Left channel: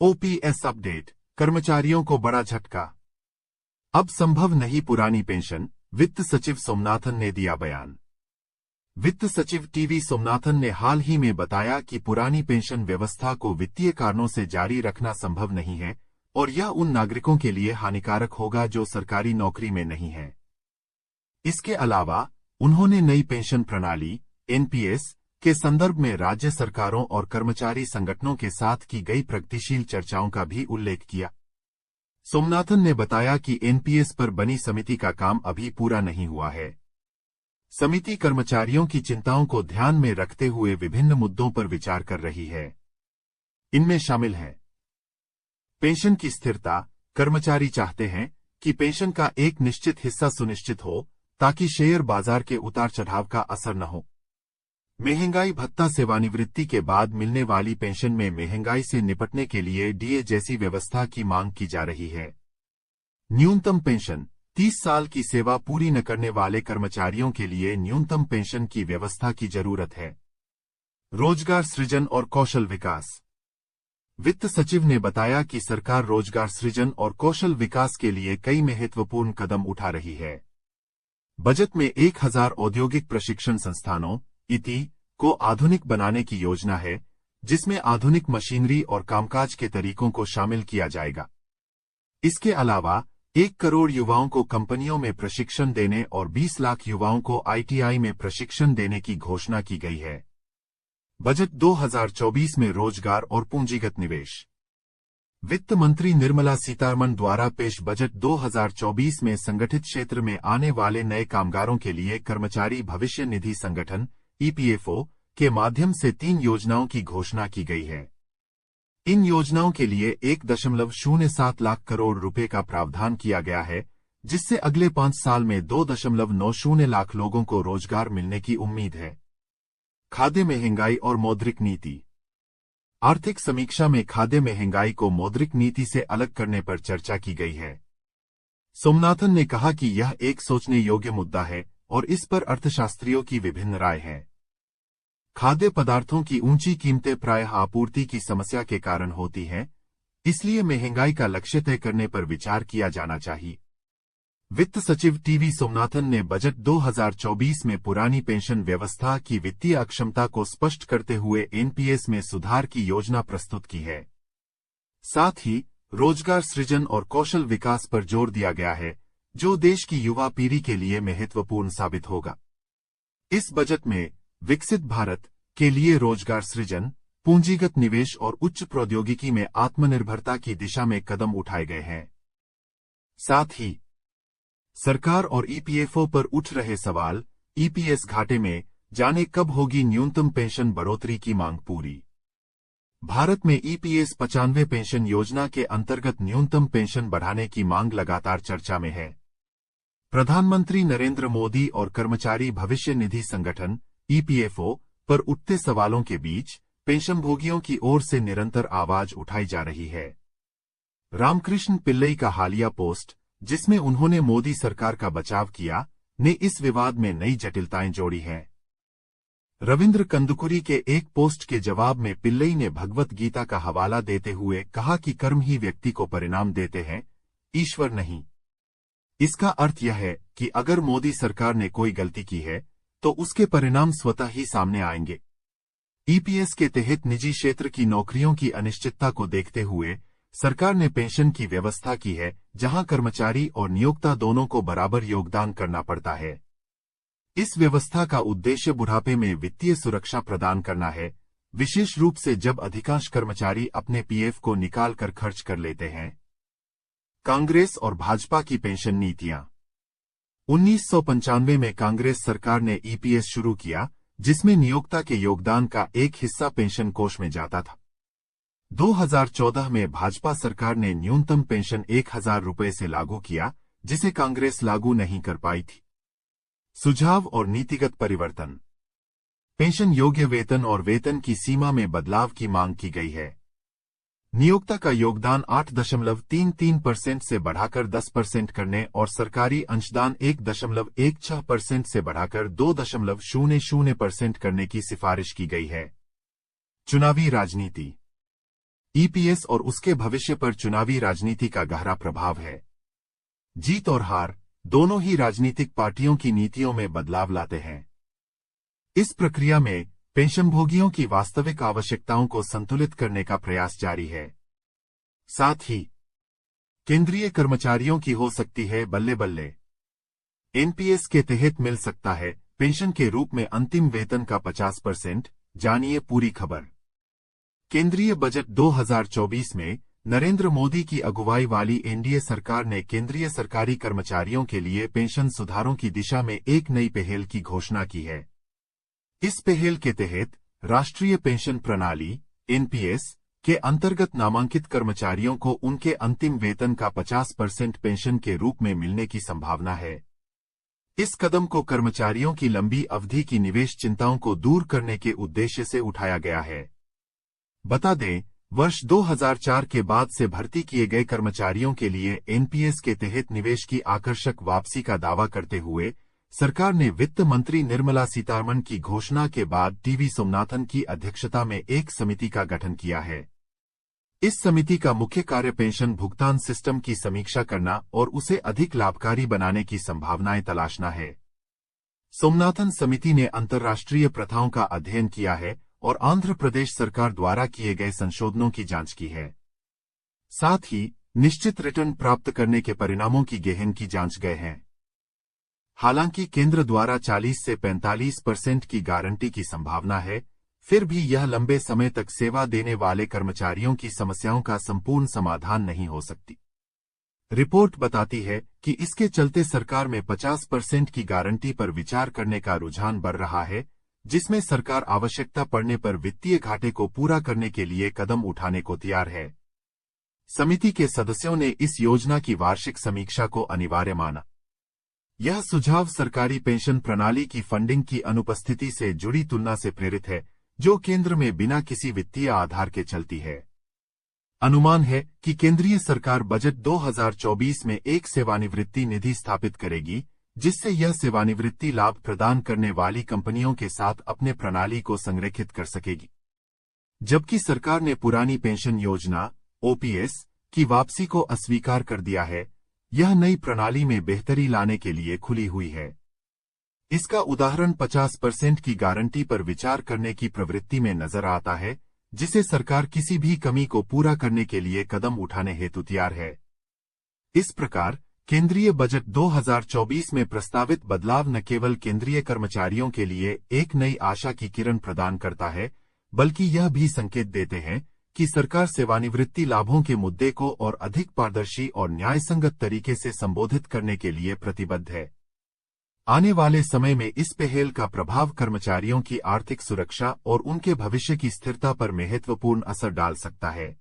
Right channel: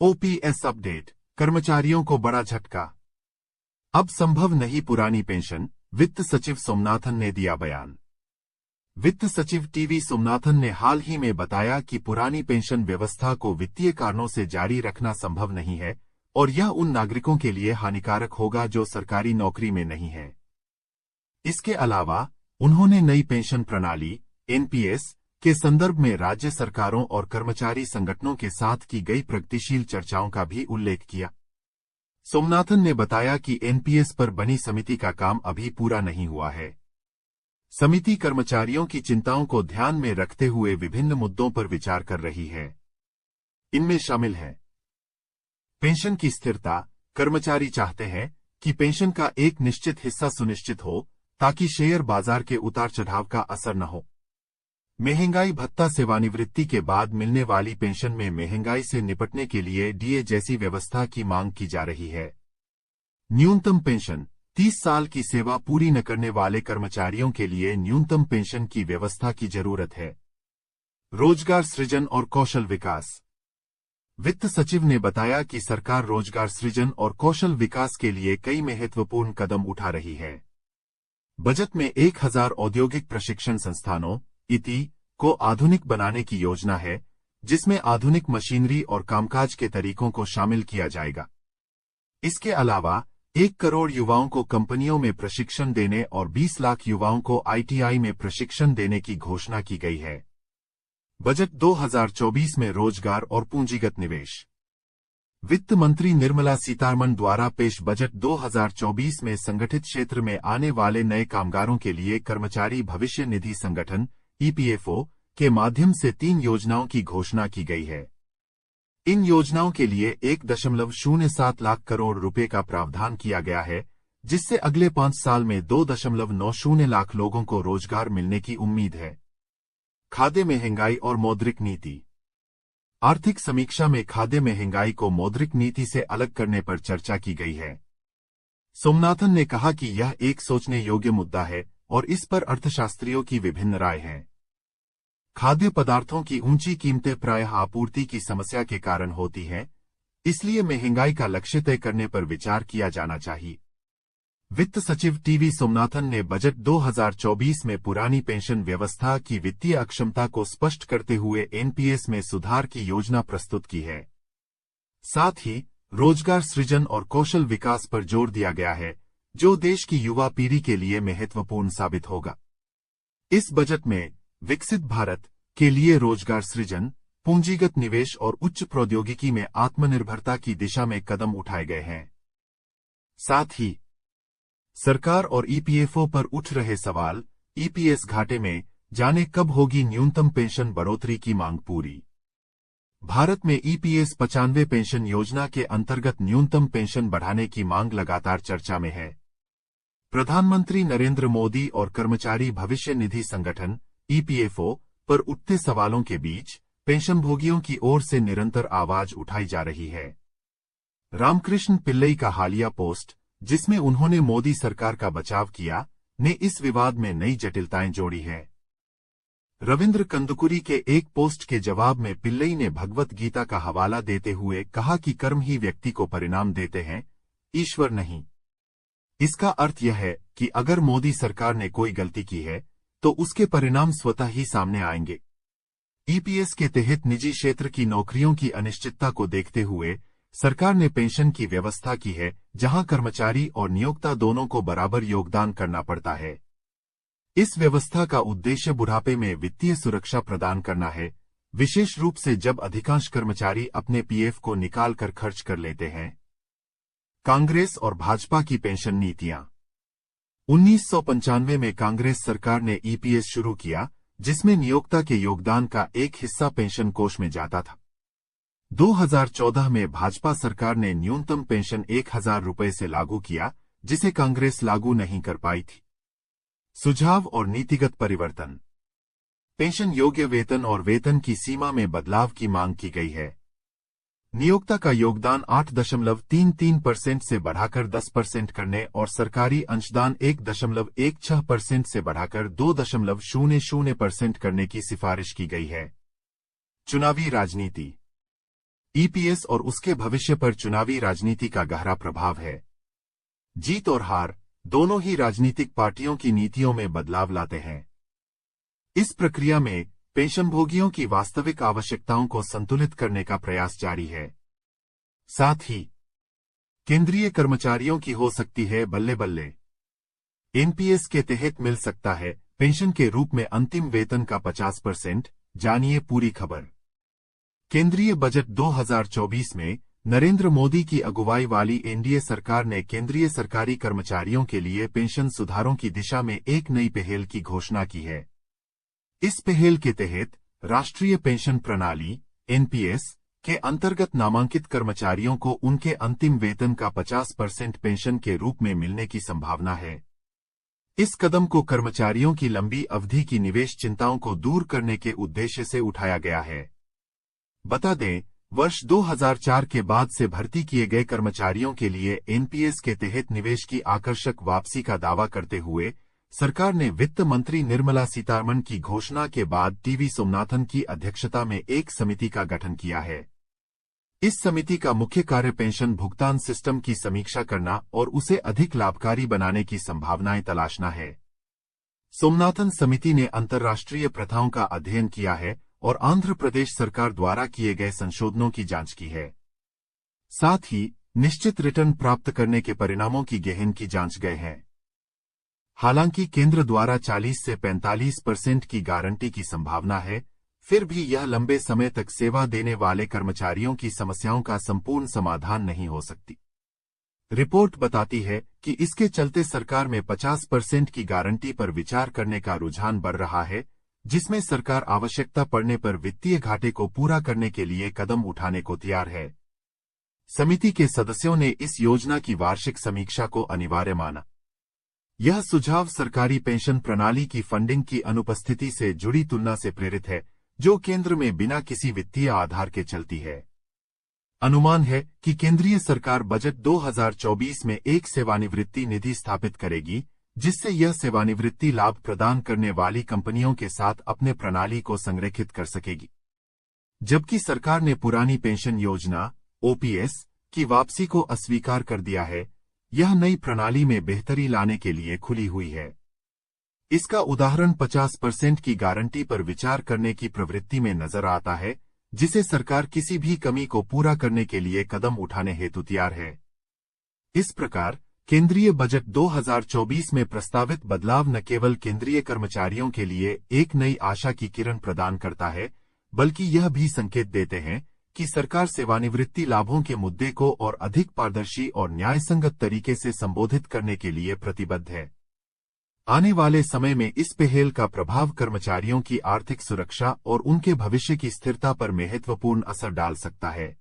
OPS update, कर्मचारियों को बड़ा झटका। अब संभव नहीं पुरानी पेंशन, वित्त सचिव सोमनाथन ने दिया बयान। वित्त सचिव टीवी सोमनाथन ने हाल ही में बताया कि पुरानी पेंशन व्यवस्था को वित्तीय कारणों से जारी रखना संभव नहीं है और यह उन नागरिकों के लिए हानिकारक होगा जो सरकारी नौकरी में नहीं हैं। इसके अलावा उन्होंने नई पेंशन प्रणाली एनपीएस के संदर्भ में राज्य सरकारों और कर्मचारी संगठनों के साथ की गई प्रगतिशील चर्चाओं का भी उल्लेख किया। सोमनाथन ने बताया कि एनपीएस पर बनी समिति का काम अभी पूरा नहीं हुआ है। समिति कर्मचारियों की चिंताओं को ध्यान में रखते हुए विभिन्न मुद्दों पर विचार कर रही है। इनमें शामिल है पेंशन की स्थिरता। कर्मचारी चाहते हैं कि पेंशन का एक निश्चित हिस्सा सुनिश्चित हो ताकि शेयर बाजार के उतार चढ़ाव का असर न हो। महंगाई भत्ता, सेवानिवृत्ति के बाद मिलने वाली पेंशन में महंगाई से निपटने के लिए डीए जैसी व्यवस्था की मांग की जा रही है। न्यूनतम पेंशन, 30 साल की सेवा पूरी न करने वाले कर्मचारियों के लिए न्यूनतम पेंशन की व्यवस्था की जरूरत है। रोजगार सृजन और कौशल विकास। वित्त सचिव ने बताया कि सरकार रोजगार सृजन और कौशल विकास के लिए कई महत्वपूर्ण कदम उठा रही है। बजट में 1000 औद्योगिक प्रशिक्षण संस्थानों इति को आधुनिक बनाने की योजना है, जिसमें आधुनिक मशीनरी और कामकाज के तरीकों को शामिल किया जाएगा। इसके अलावा 1 करोड़ युवाओं को कंपनियों में प्रशिक्षण देने और 20 लाख युवाओं को आईटीआई में प्रशिक्षण देने की घोषणा की गई है। बजट 2024 में रोजगार और पूंजीगत निवेश। वित्त मंत्री निर्मला सीतारमण द्वारा पेश बजट 2024 में संगठित क्षेत्र में आने वाले नए कामगारों के लिए कर्मचारी भविष्य निधि संगठन ईपीएफओ के माध्यम से 3 योजनाओं की घोषणा की गई है। इन योजनाओं के लिए 1.07 लाख करोड़ रुपए का प्रावधान किया गया है, जिससे अगले 5 साल में 2.90 लाख लोगों को रोजगार मिलने की उम्मीद है। खाद्य महंगाई और मौद्रिक नीति। आर्थिक समीक्षा में खाद्य महंगाई को मौद्रिक नीति से अलग करने पर चर्चा की गई है। सोमनाथन ने कहा कि यह एक सोचने योग्य मुद्दा है और इस पर अर्थशास्त्रियों की विभिन्न राय है। खाद्य पदार्थों की ऊंची कीमतें प्रायः आपूर्ति की समस्या के कारण होती हैं, इसलिए महंगाई का लक्ष्य तय करने पर विचार किया जाना चाहिए। वित्त सचिव टीवी सोमनाथन ने बजट 2024 में पुरानी पेंशन व्यवस्था की वित्तीय अक्षमता को स्पष्ट करते हुए एनपीएस में सुधार की योजना प्रस्तुत की है। साथ ही रोजगार सृजन और कौशल विकास पर जोर दिया गया है, जो देश की युवा पीढ़ी के लिए महत्वपूर्ण साबित होगा। इस बजट में विकसित भारत के लिए रोजगार सृजन, पूंजीगत निवेश और उच्च प्रौद्योगिकी में आत्मनिर्भरता की दिशा में कदम उठाए गए हैं। साथ ही सरकार और ईपीएफओ पर उठ रहे सवाल, ईपीएस घाटे में, जाने कब होगी न्यूनतम पेंशन बढ़ोतरी की मांग पूरी। भारत में ईपीएस 95 पेंशन योजना के अंतर्गत न्यूनतम पेंशन बढ़ाने की मांग लगातार चर्चा में है। प्रधानमंत्री नरेंद्र मोदी और कर्मचारी भविष्य निधि संगठन ईपीएफओ पर उठते सवालों के बीच पेंशनभोगियों की ओर से निरंतर आवाज उठाई जा रही है। रामकृष्ण पिल्लई का हालिया पोस्ट, जिसमें उन्होंने मोदी सरकार का बचाव किया, ने इस विवाद में नई जटिलताएं जोड़ी हैं। रविंद्र कंदुकुरी के एक पोस्ट के जवाब में पिल्लई ने भगवत गीता का हवाला देते हुए कहा कि कर्म ही व्यक्ति को परिणाम देते हैं, ईश्वर नहीं। इसका अर्थ यह है कि अगर मोदी सरकार ने कोई गलती की है तो उसके परिणाम स्वतः ही सामने आएंगे। ईपीएस के तहत निजी क्षेत्र की नौकरियों की अनिश्चितता को देखते हुए सरकार ने पेंशन की व्यवस्था की है, जहां कर्मचारी और नियोक्ता दोनों को बराबर योगदान करना पड़ता है। इस व्यवस्था का उद्देश्य बुढ़ापे में वित्तीय सुरक्षा प्रदान करना है, विशेष रूप से जब अधिकांश कर्मचारी अपने पीएफ को निकाल कर खर्च कर लेते हैं। कांग्रेस और भाजपा की पेंशन नीतियां। 1995 में कांग्रेस सरकार ने ईपीएस शुरू किया, जिसमें नियोक्ता के योगदान का एक हिस्सा पेंशन कोष में जाता था। 2014 में भाजपा सरकार ने न्यूनतम पेंशन 1000 रुपये से लागू किया, जिसे कांग्रेस लागू नहीं कर पाई थी। सुझाव और नीतिगत परिवर्तन। पेंशन योग्य वेतन और वेतन की सीमा में बदलाव की मांग की गई है। नियोक्ता का योगदान 8.33% से बढ़ाकर 10% करने और सरकारी अंशदान 1.16% से बढ़ाकर 2.00% करने की सिफारिश की गई है। चुनावी राजनीति। ईपीएस और उसके भविष्य पर चुनावी राजनीति का गहरा प्रभाव है। जीत और हार दोनों ही राजनीतिक पार्टियों की नीतियों में बदलाव लाते हैं। इस प्रक्रिया में पेंशनभोगियों की वास्तविक आवश्यकताओं को संतुलित करने का प्रयास जारी है। साथ ही केंद्रीय कर्मचारियों की हो सकती है बल्ले बल्ले। एनपीएस के तहत मिल सकता है पेंशन के रूप में अंतिम वेतन का 50%। जानिए पूरी खबर। केंद्रीय बजट 2024 में नरेंद्र मोदी की अगुवाई वाली एनडीए सरकार ने केंद्रीय सरकारी कर्मचारियों के लिए पेंशन सुधारों की दिशा में एक नई पहल की घोषणा की है। इस पहल के तहत राष्ट्रीय पेंशन प्रणाली एनपीएस के अंतर्गत नामांकित कर्मचारियों को उनके अंतिम वेतन का 50% पेंशन के रूप में मिलने की संभावना है। इस कदम को कर्मचारियों की लंबी अवधि की निवेश चिंताओं को दूर करने के उद्देश्य से उठाया गया है। बता दें, वर्ष 2004 के बाद से भर्ती किए गए कर्मचारियों के लिए एनपीएस के तहत निवेश की आकर्षक वापसी का दावा करते हुए सरकार ने वित्त मंत्री निर्मला सीतारमण की घोषणा के बाद टीवी सोमनाथन की अध्यक्षता में एक समिति का गठन किया है। इस समिति का मुख्य कार्य पेंशन भुगतान सिस्टम की समीक्षा करना और उसे अधिक लाभकारी बनाने की संभावनाएं तलाशना है। सोमनाथन समिति ने अंतर्राष्ट्रीय प्रथाओं का अध्ययन किया है और आंध्र प्रदेश सरकार द्वारा किए गए संशोधनों की जांच की है। साथ ही निश्चित रिटर्न प्राप्त करने के परिणामों की गहन की जांच गए हैं। हालांकि केंद्र द्वारा 40 से 45% की गारंटी की संभावना है, फिर भी यह लंबे समय तक सेवा देने वाले कर्मचारियों की समस्याओं का संपूर्ण समाधान नहीं हो सकती। रिपोर्ट बताती है कि इसके चलते सरकार में 50% की गारंटी पर विचार करने का रुझान बढ़ रहा है, जिसमें सरकार आवश्यकता पड़ने पर वित्तीय घाटे को पूरा करने के लिए कदम उठाने को तैयार है। समिति के सदस्यों ने इस योजना की वार्षिक समीक्षा को अनिवार्य माना। यह सुझाव सरकारी पेंशन प्रणाली की फंडिंग की अनुपस्थिति से जुड़ी तुलना से प्रेरित है, जो केंद्र में बिना किसी वित्तीय आधार के चलती है। अनुमान है कि केंद्रीय सरकार बजट 2024 में एक सेवानिवृत्ति निधि स्थापित करेगी, जिससे यह सेवानिवृत्ति लाभ प्रदान करने वाली कंपनियों के साथ अपने प्रणाली को संरेखित कर सकेगी। जबकि सरकार ने पुरानी पेंशन योजना ओपीएस की वापसी को अस्वीकार कर दिया है, यह नई प्रणाली में बेहतरी लाने के लिए खुली हुई है। इसका उदाहरण 50% की गारंटी पर विचार करने की प्रवृत्ति में नजर आता है, जिसे सरकार किसी भी कमी को पूरा करने के लिए कदम उठाने हेतु तैयार है। इस प्रकार केंद्रीय बजट 2024 में प्रस्तावित बदलाव न केवल केंद्रीय कर्मचारियों के लिए एक नई आशा की किरण प्रदान करता है, बल्कि यह भी संकेत देते हैं कि सरकार सेवानिवृत्ति लाभों के मुद्दे को और अधिक पारदर्शी और न्यायसंगत तरीके से संबोधित करने के लिए प्रतिबद्ध है। आने वाले समय में इस पहल का प्रभाव कर्मचारियों की आर्थिक सुरक्षा और उनके भविष्य की स्थिरता पर महत्वपूर्ण असर डाल सकता है।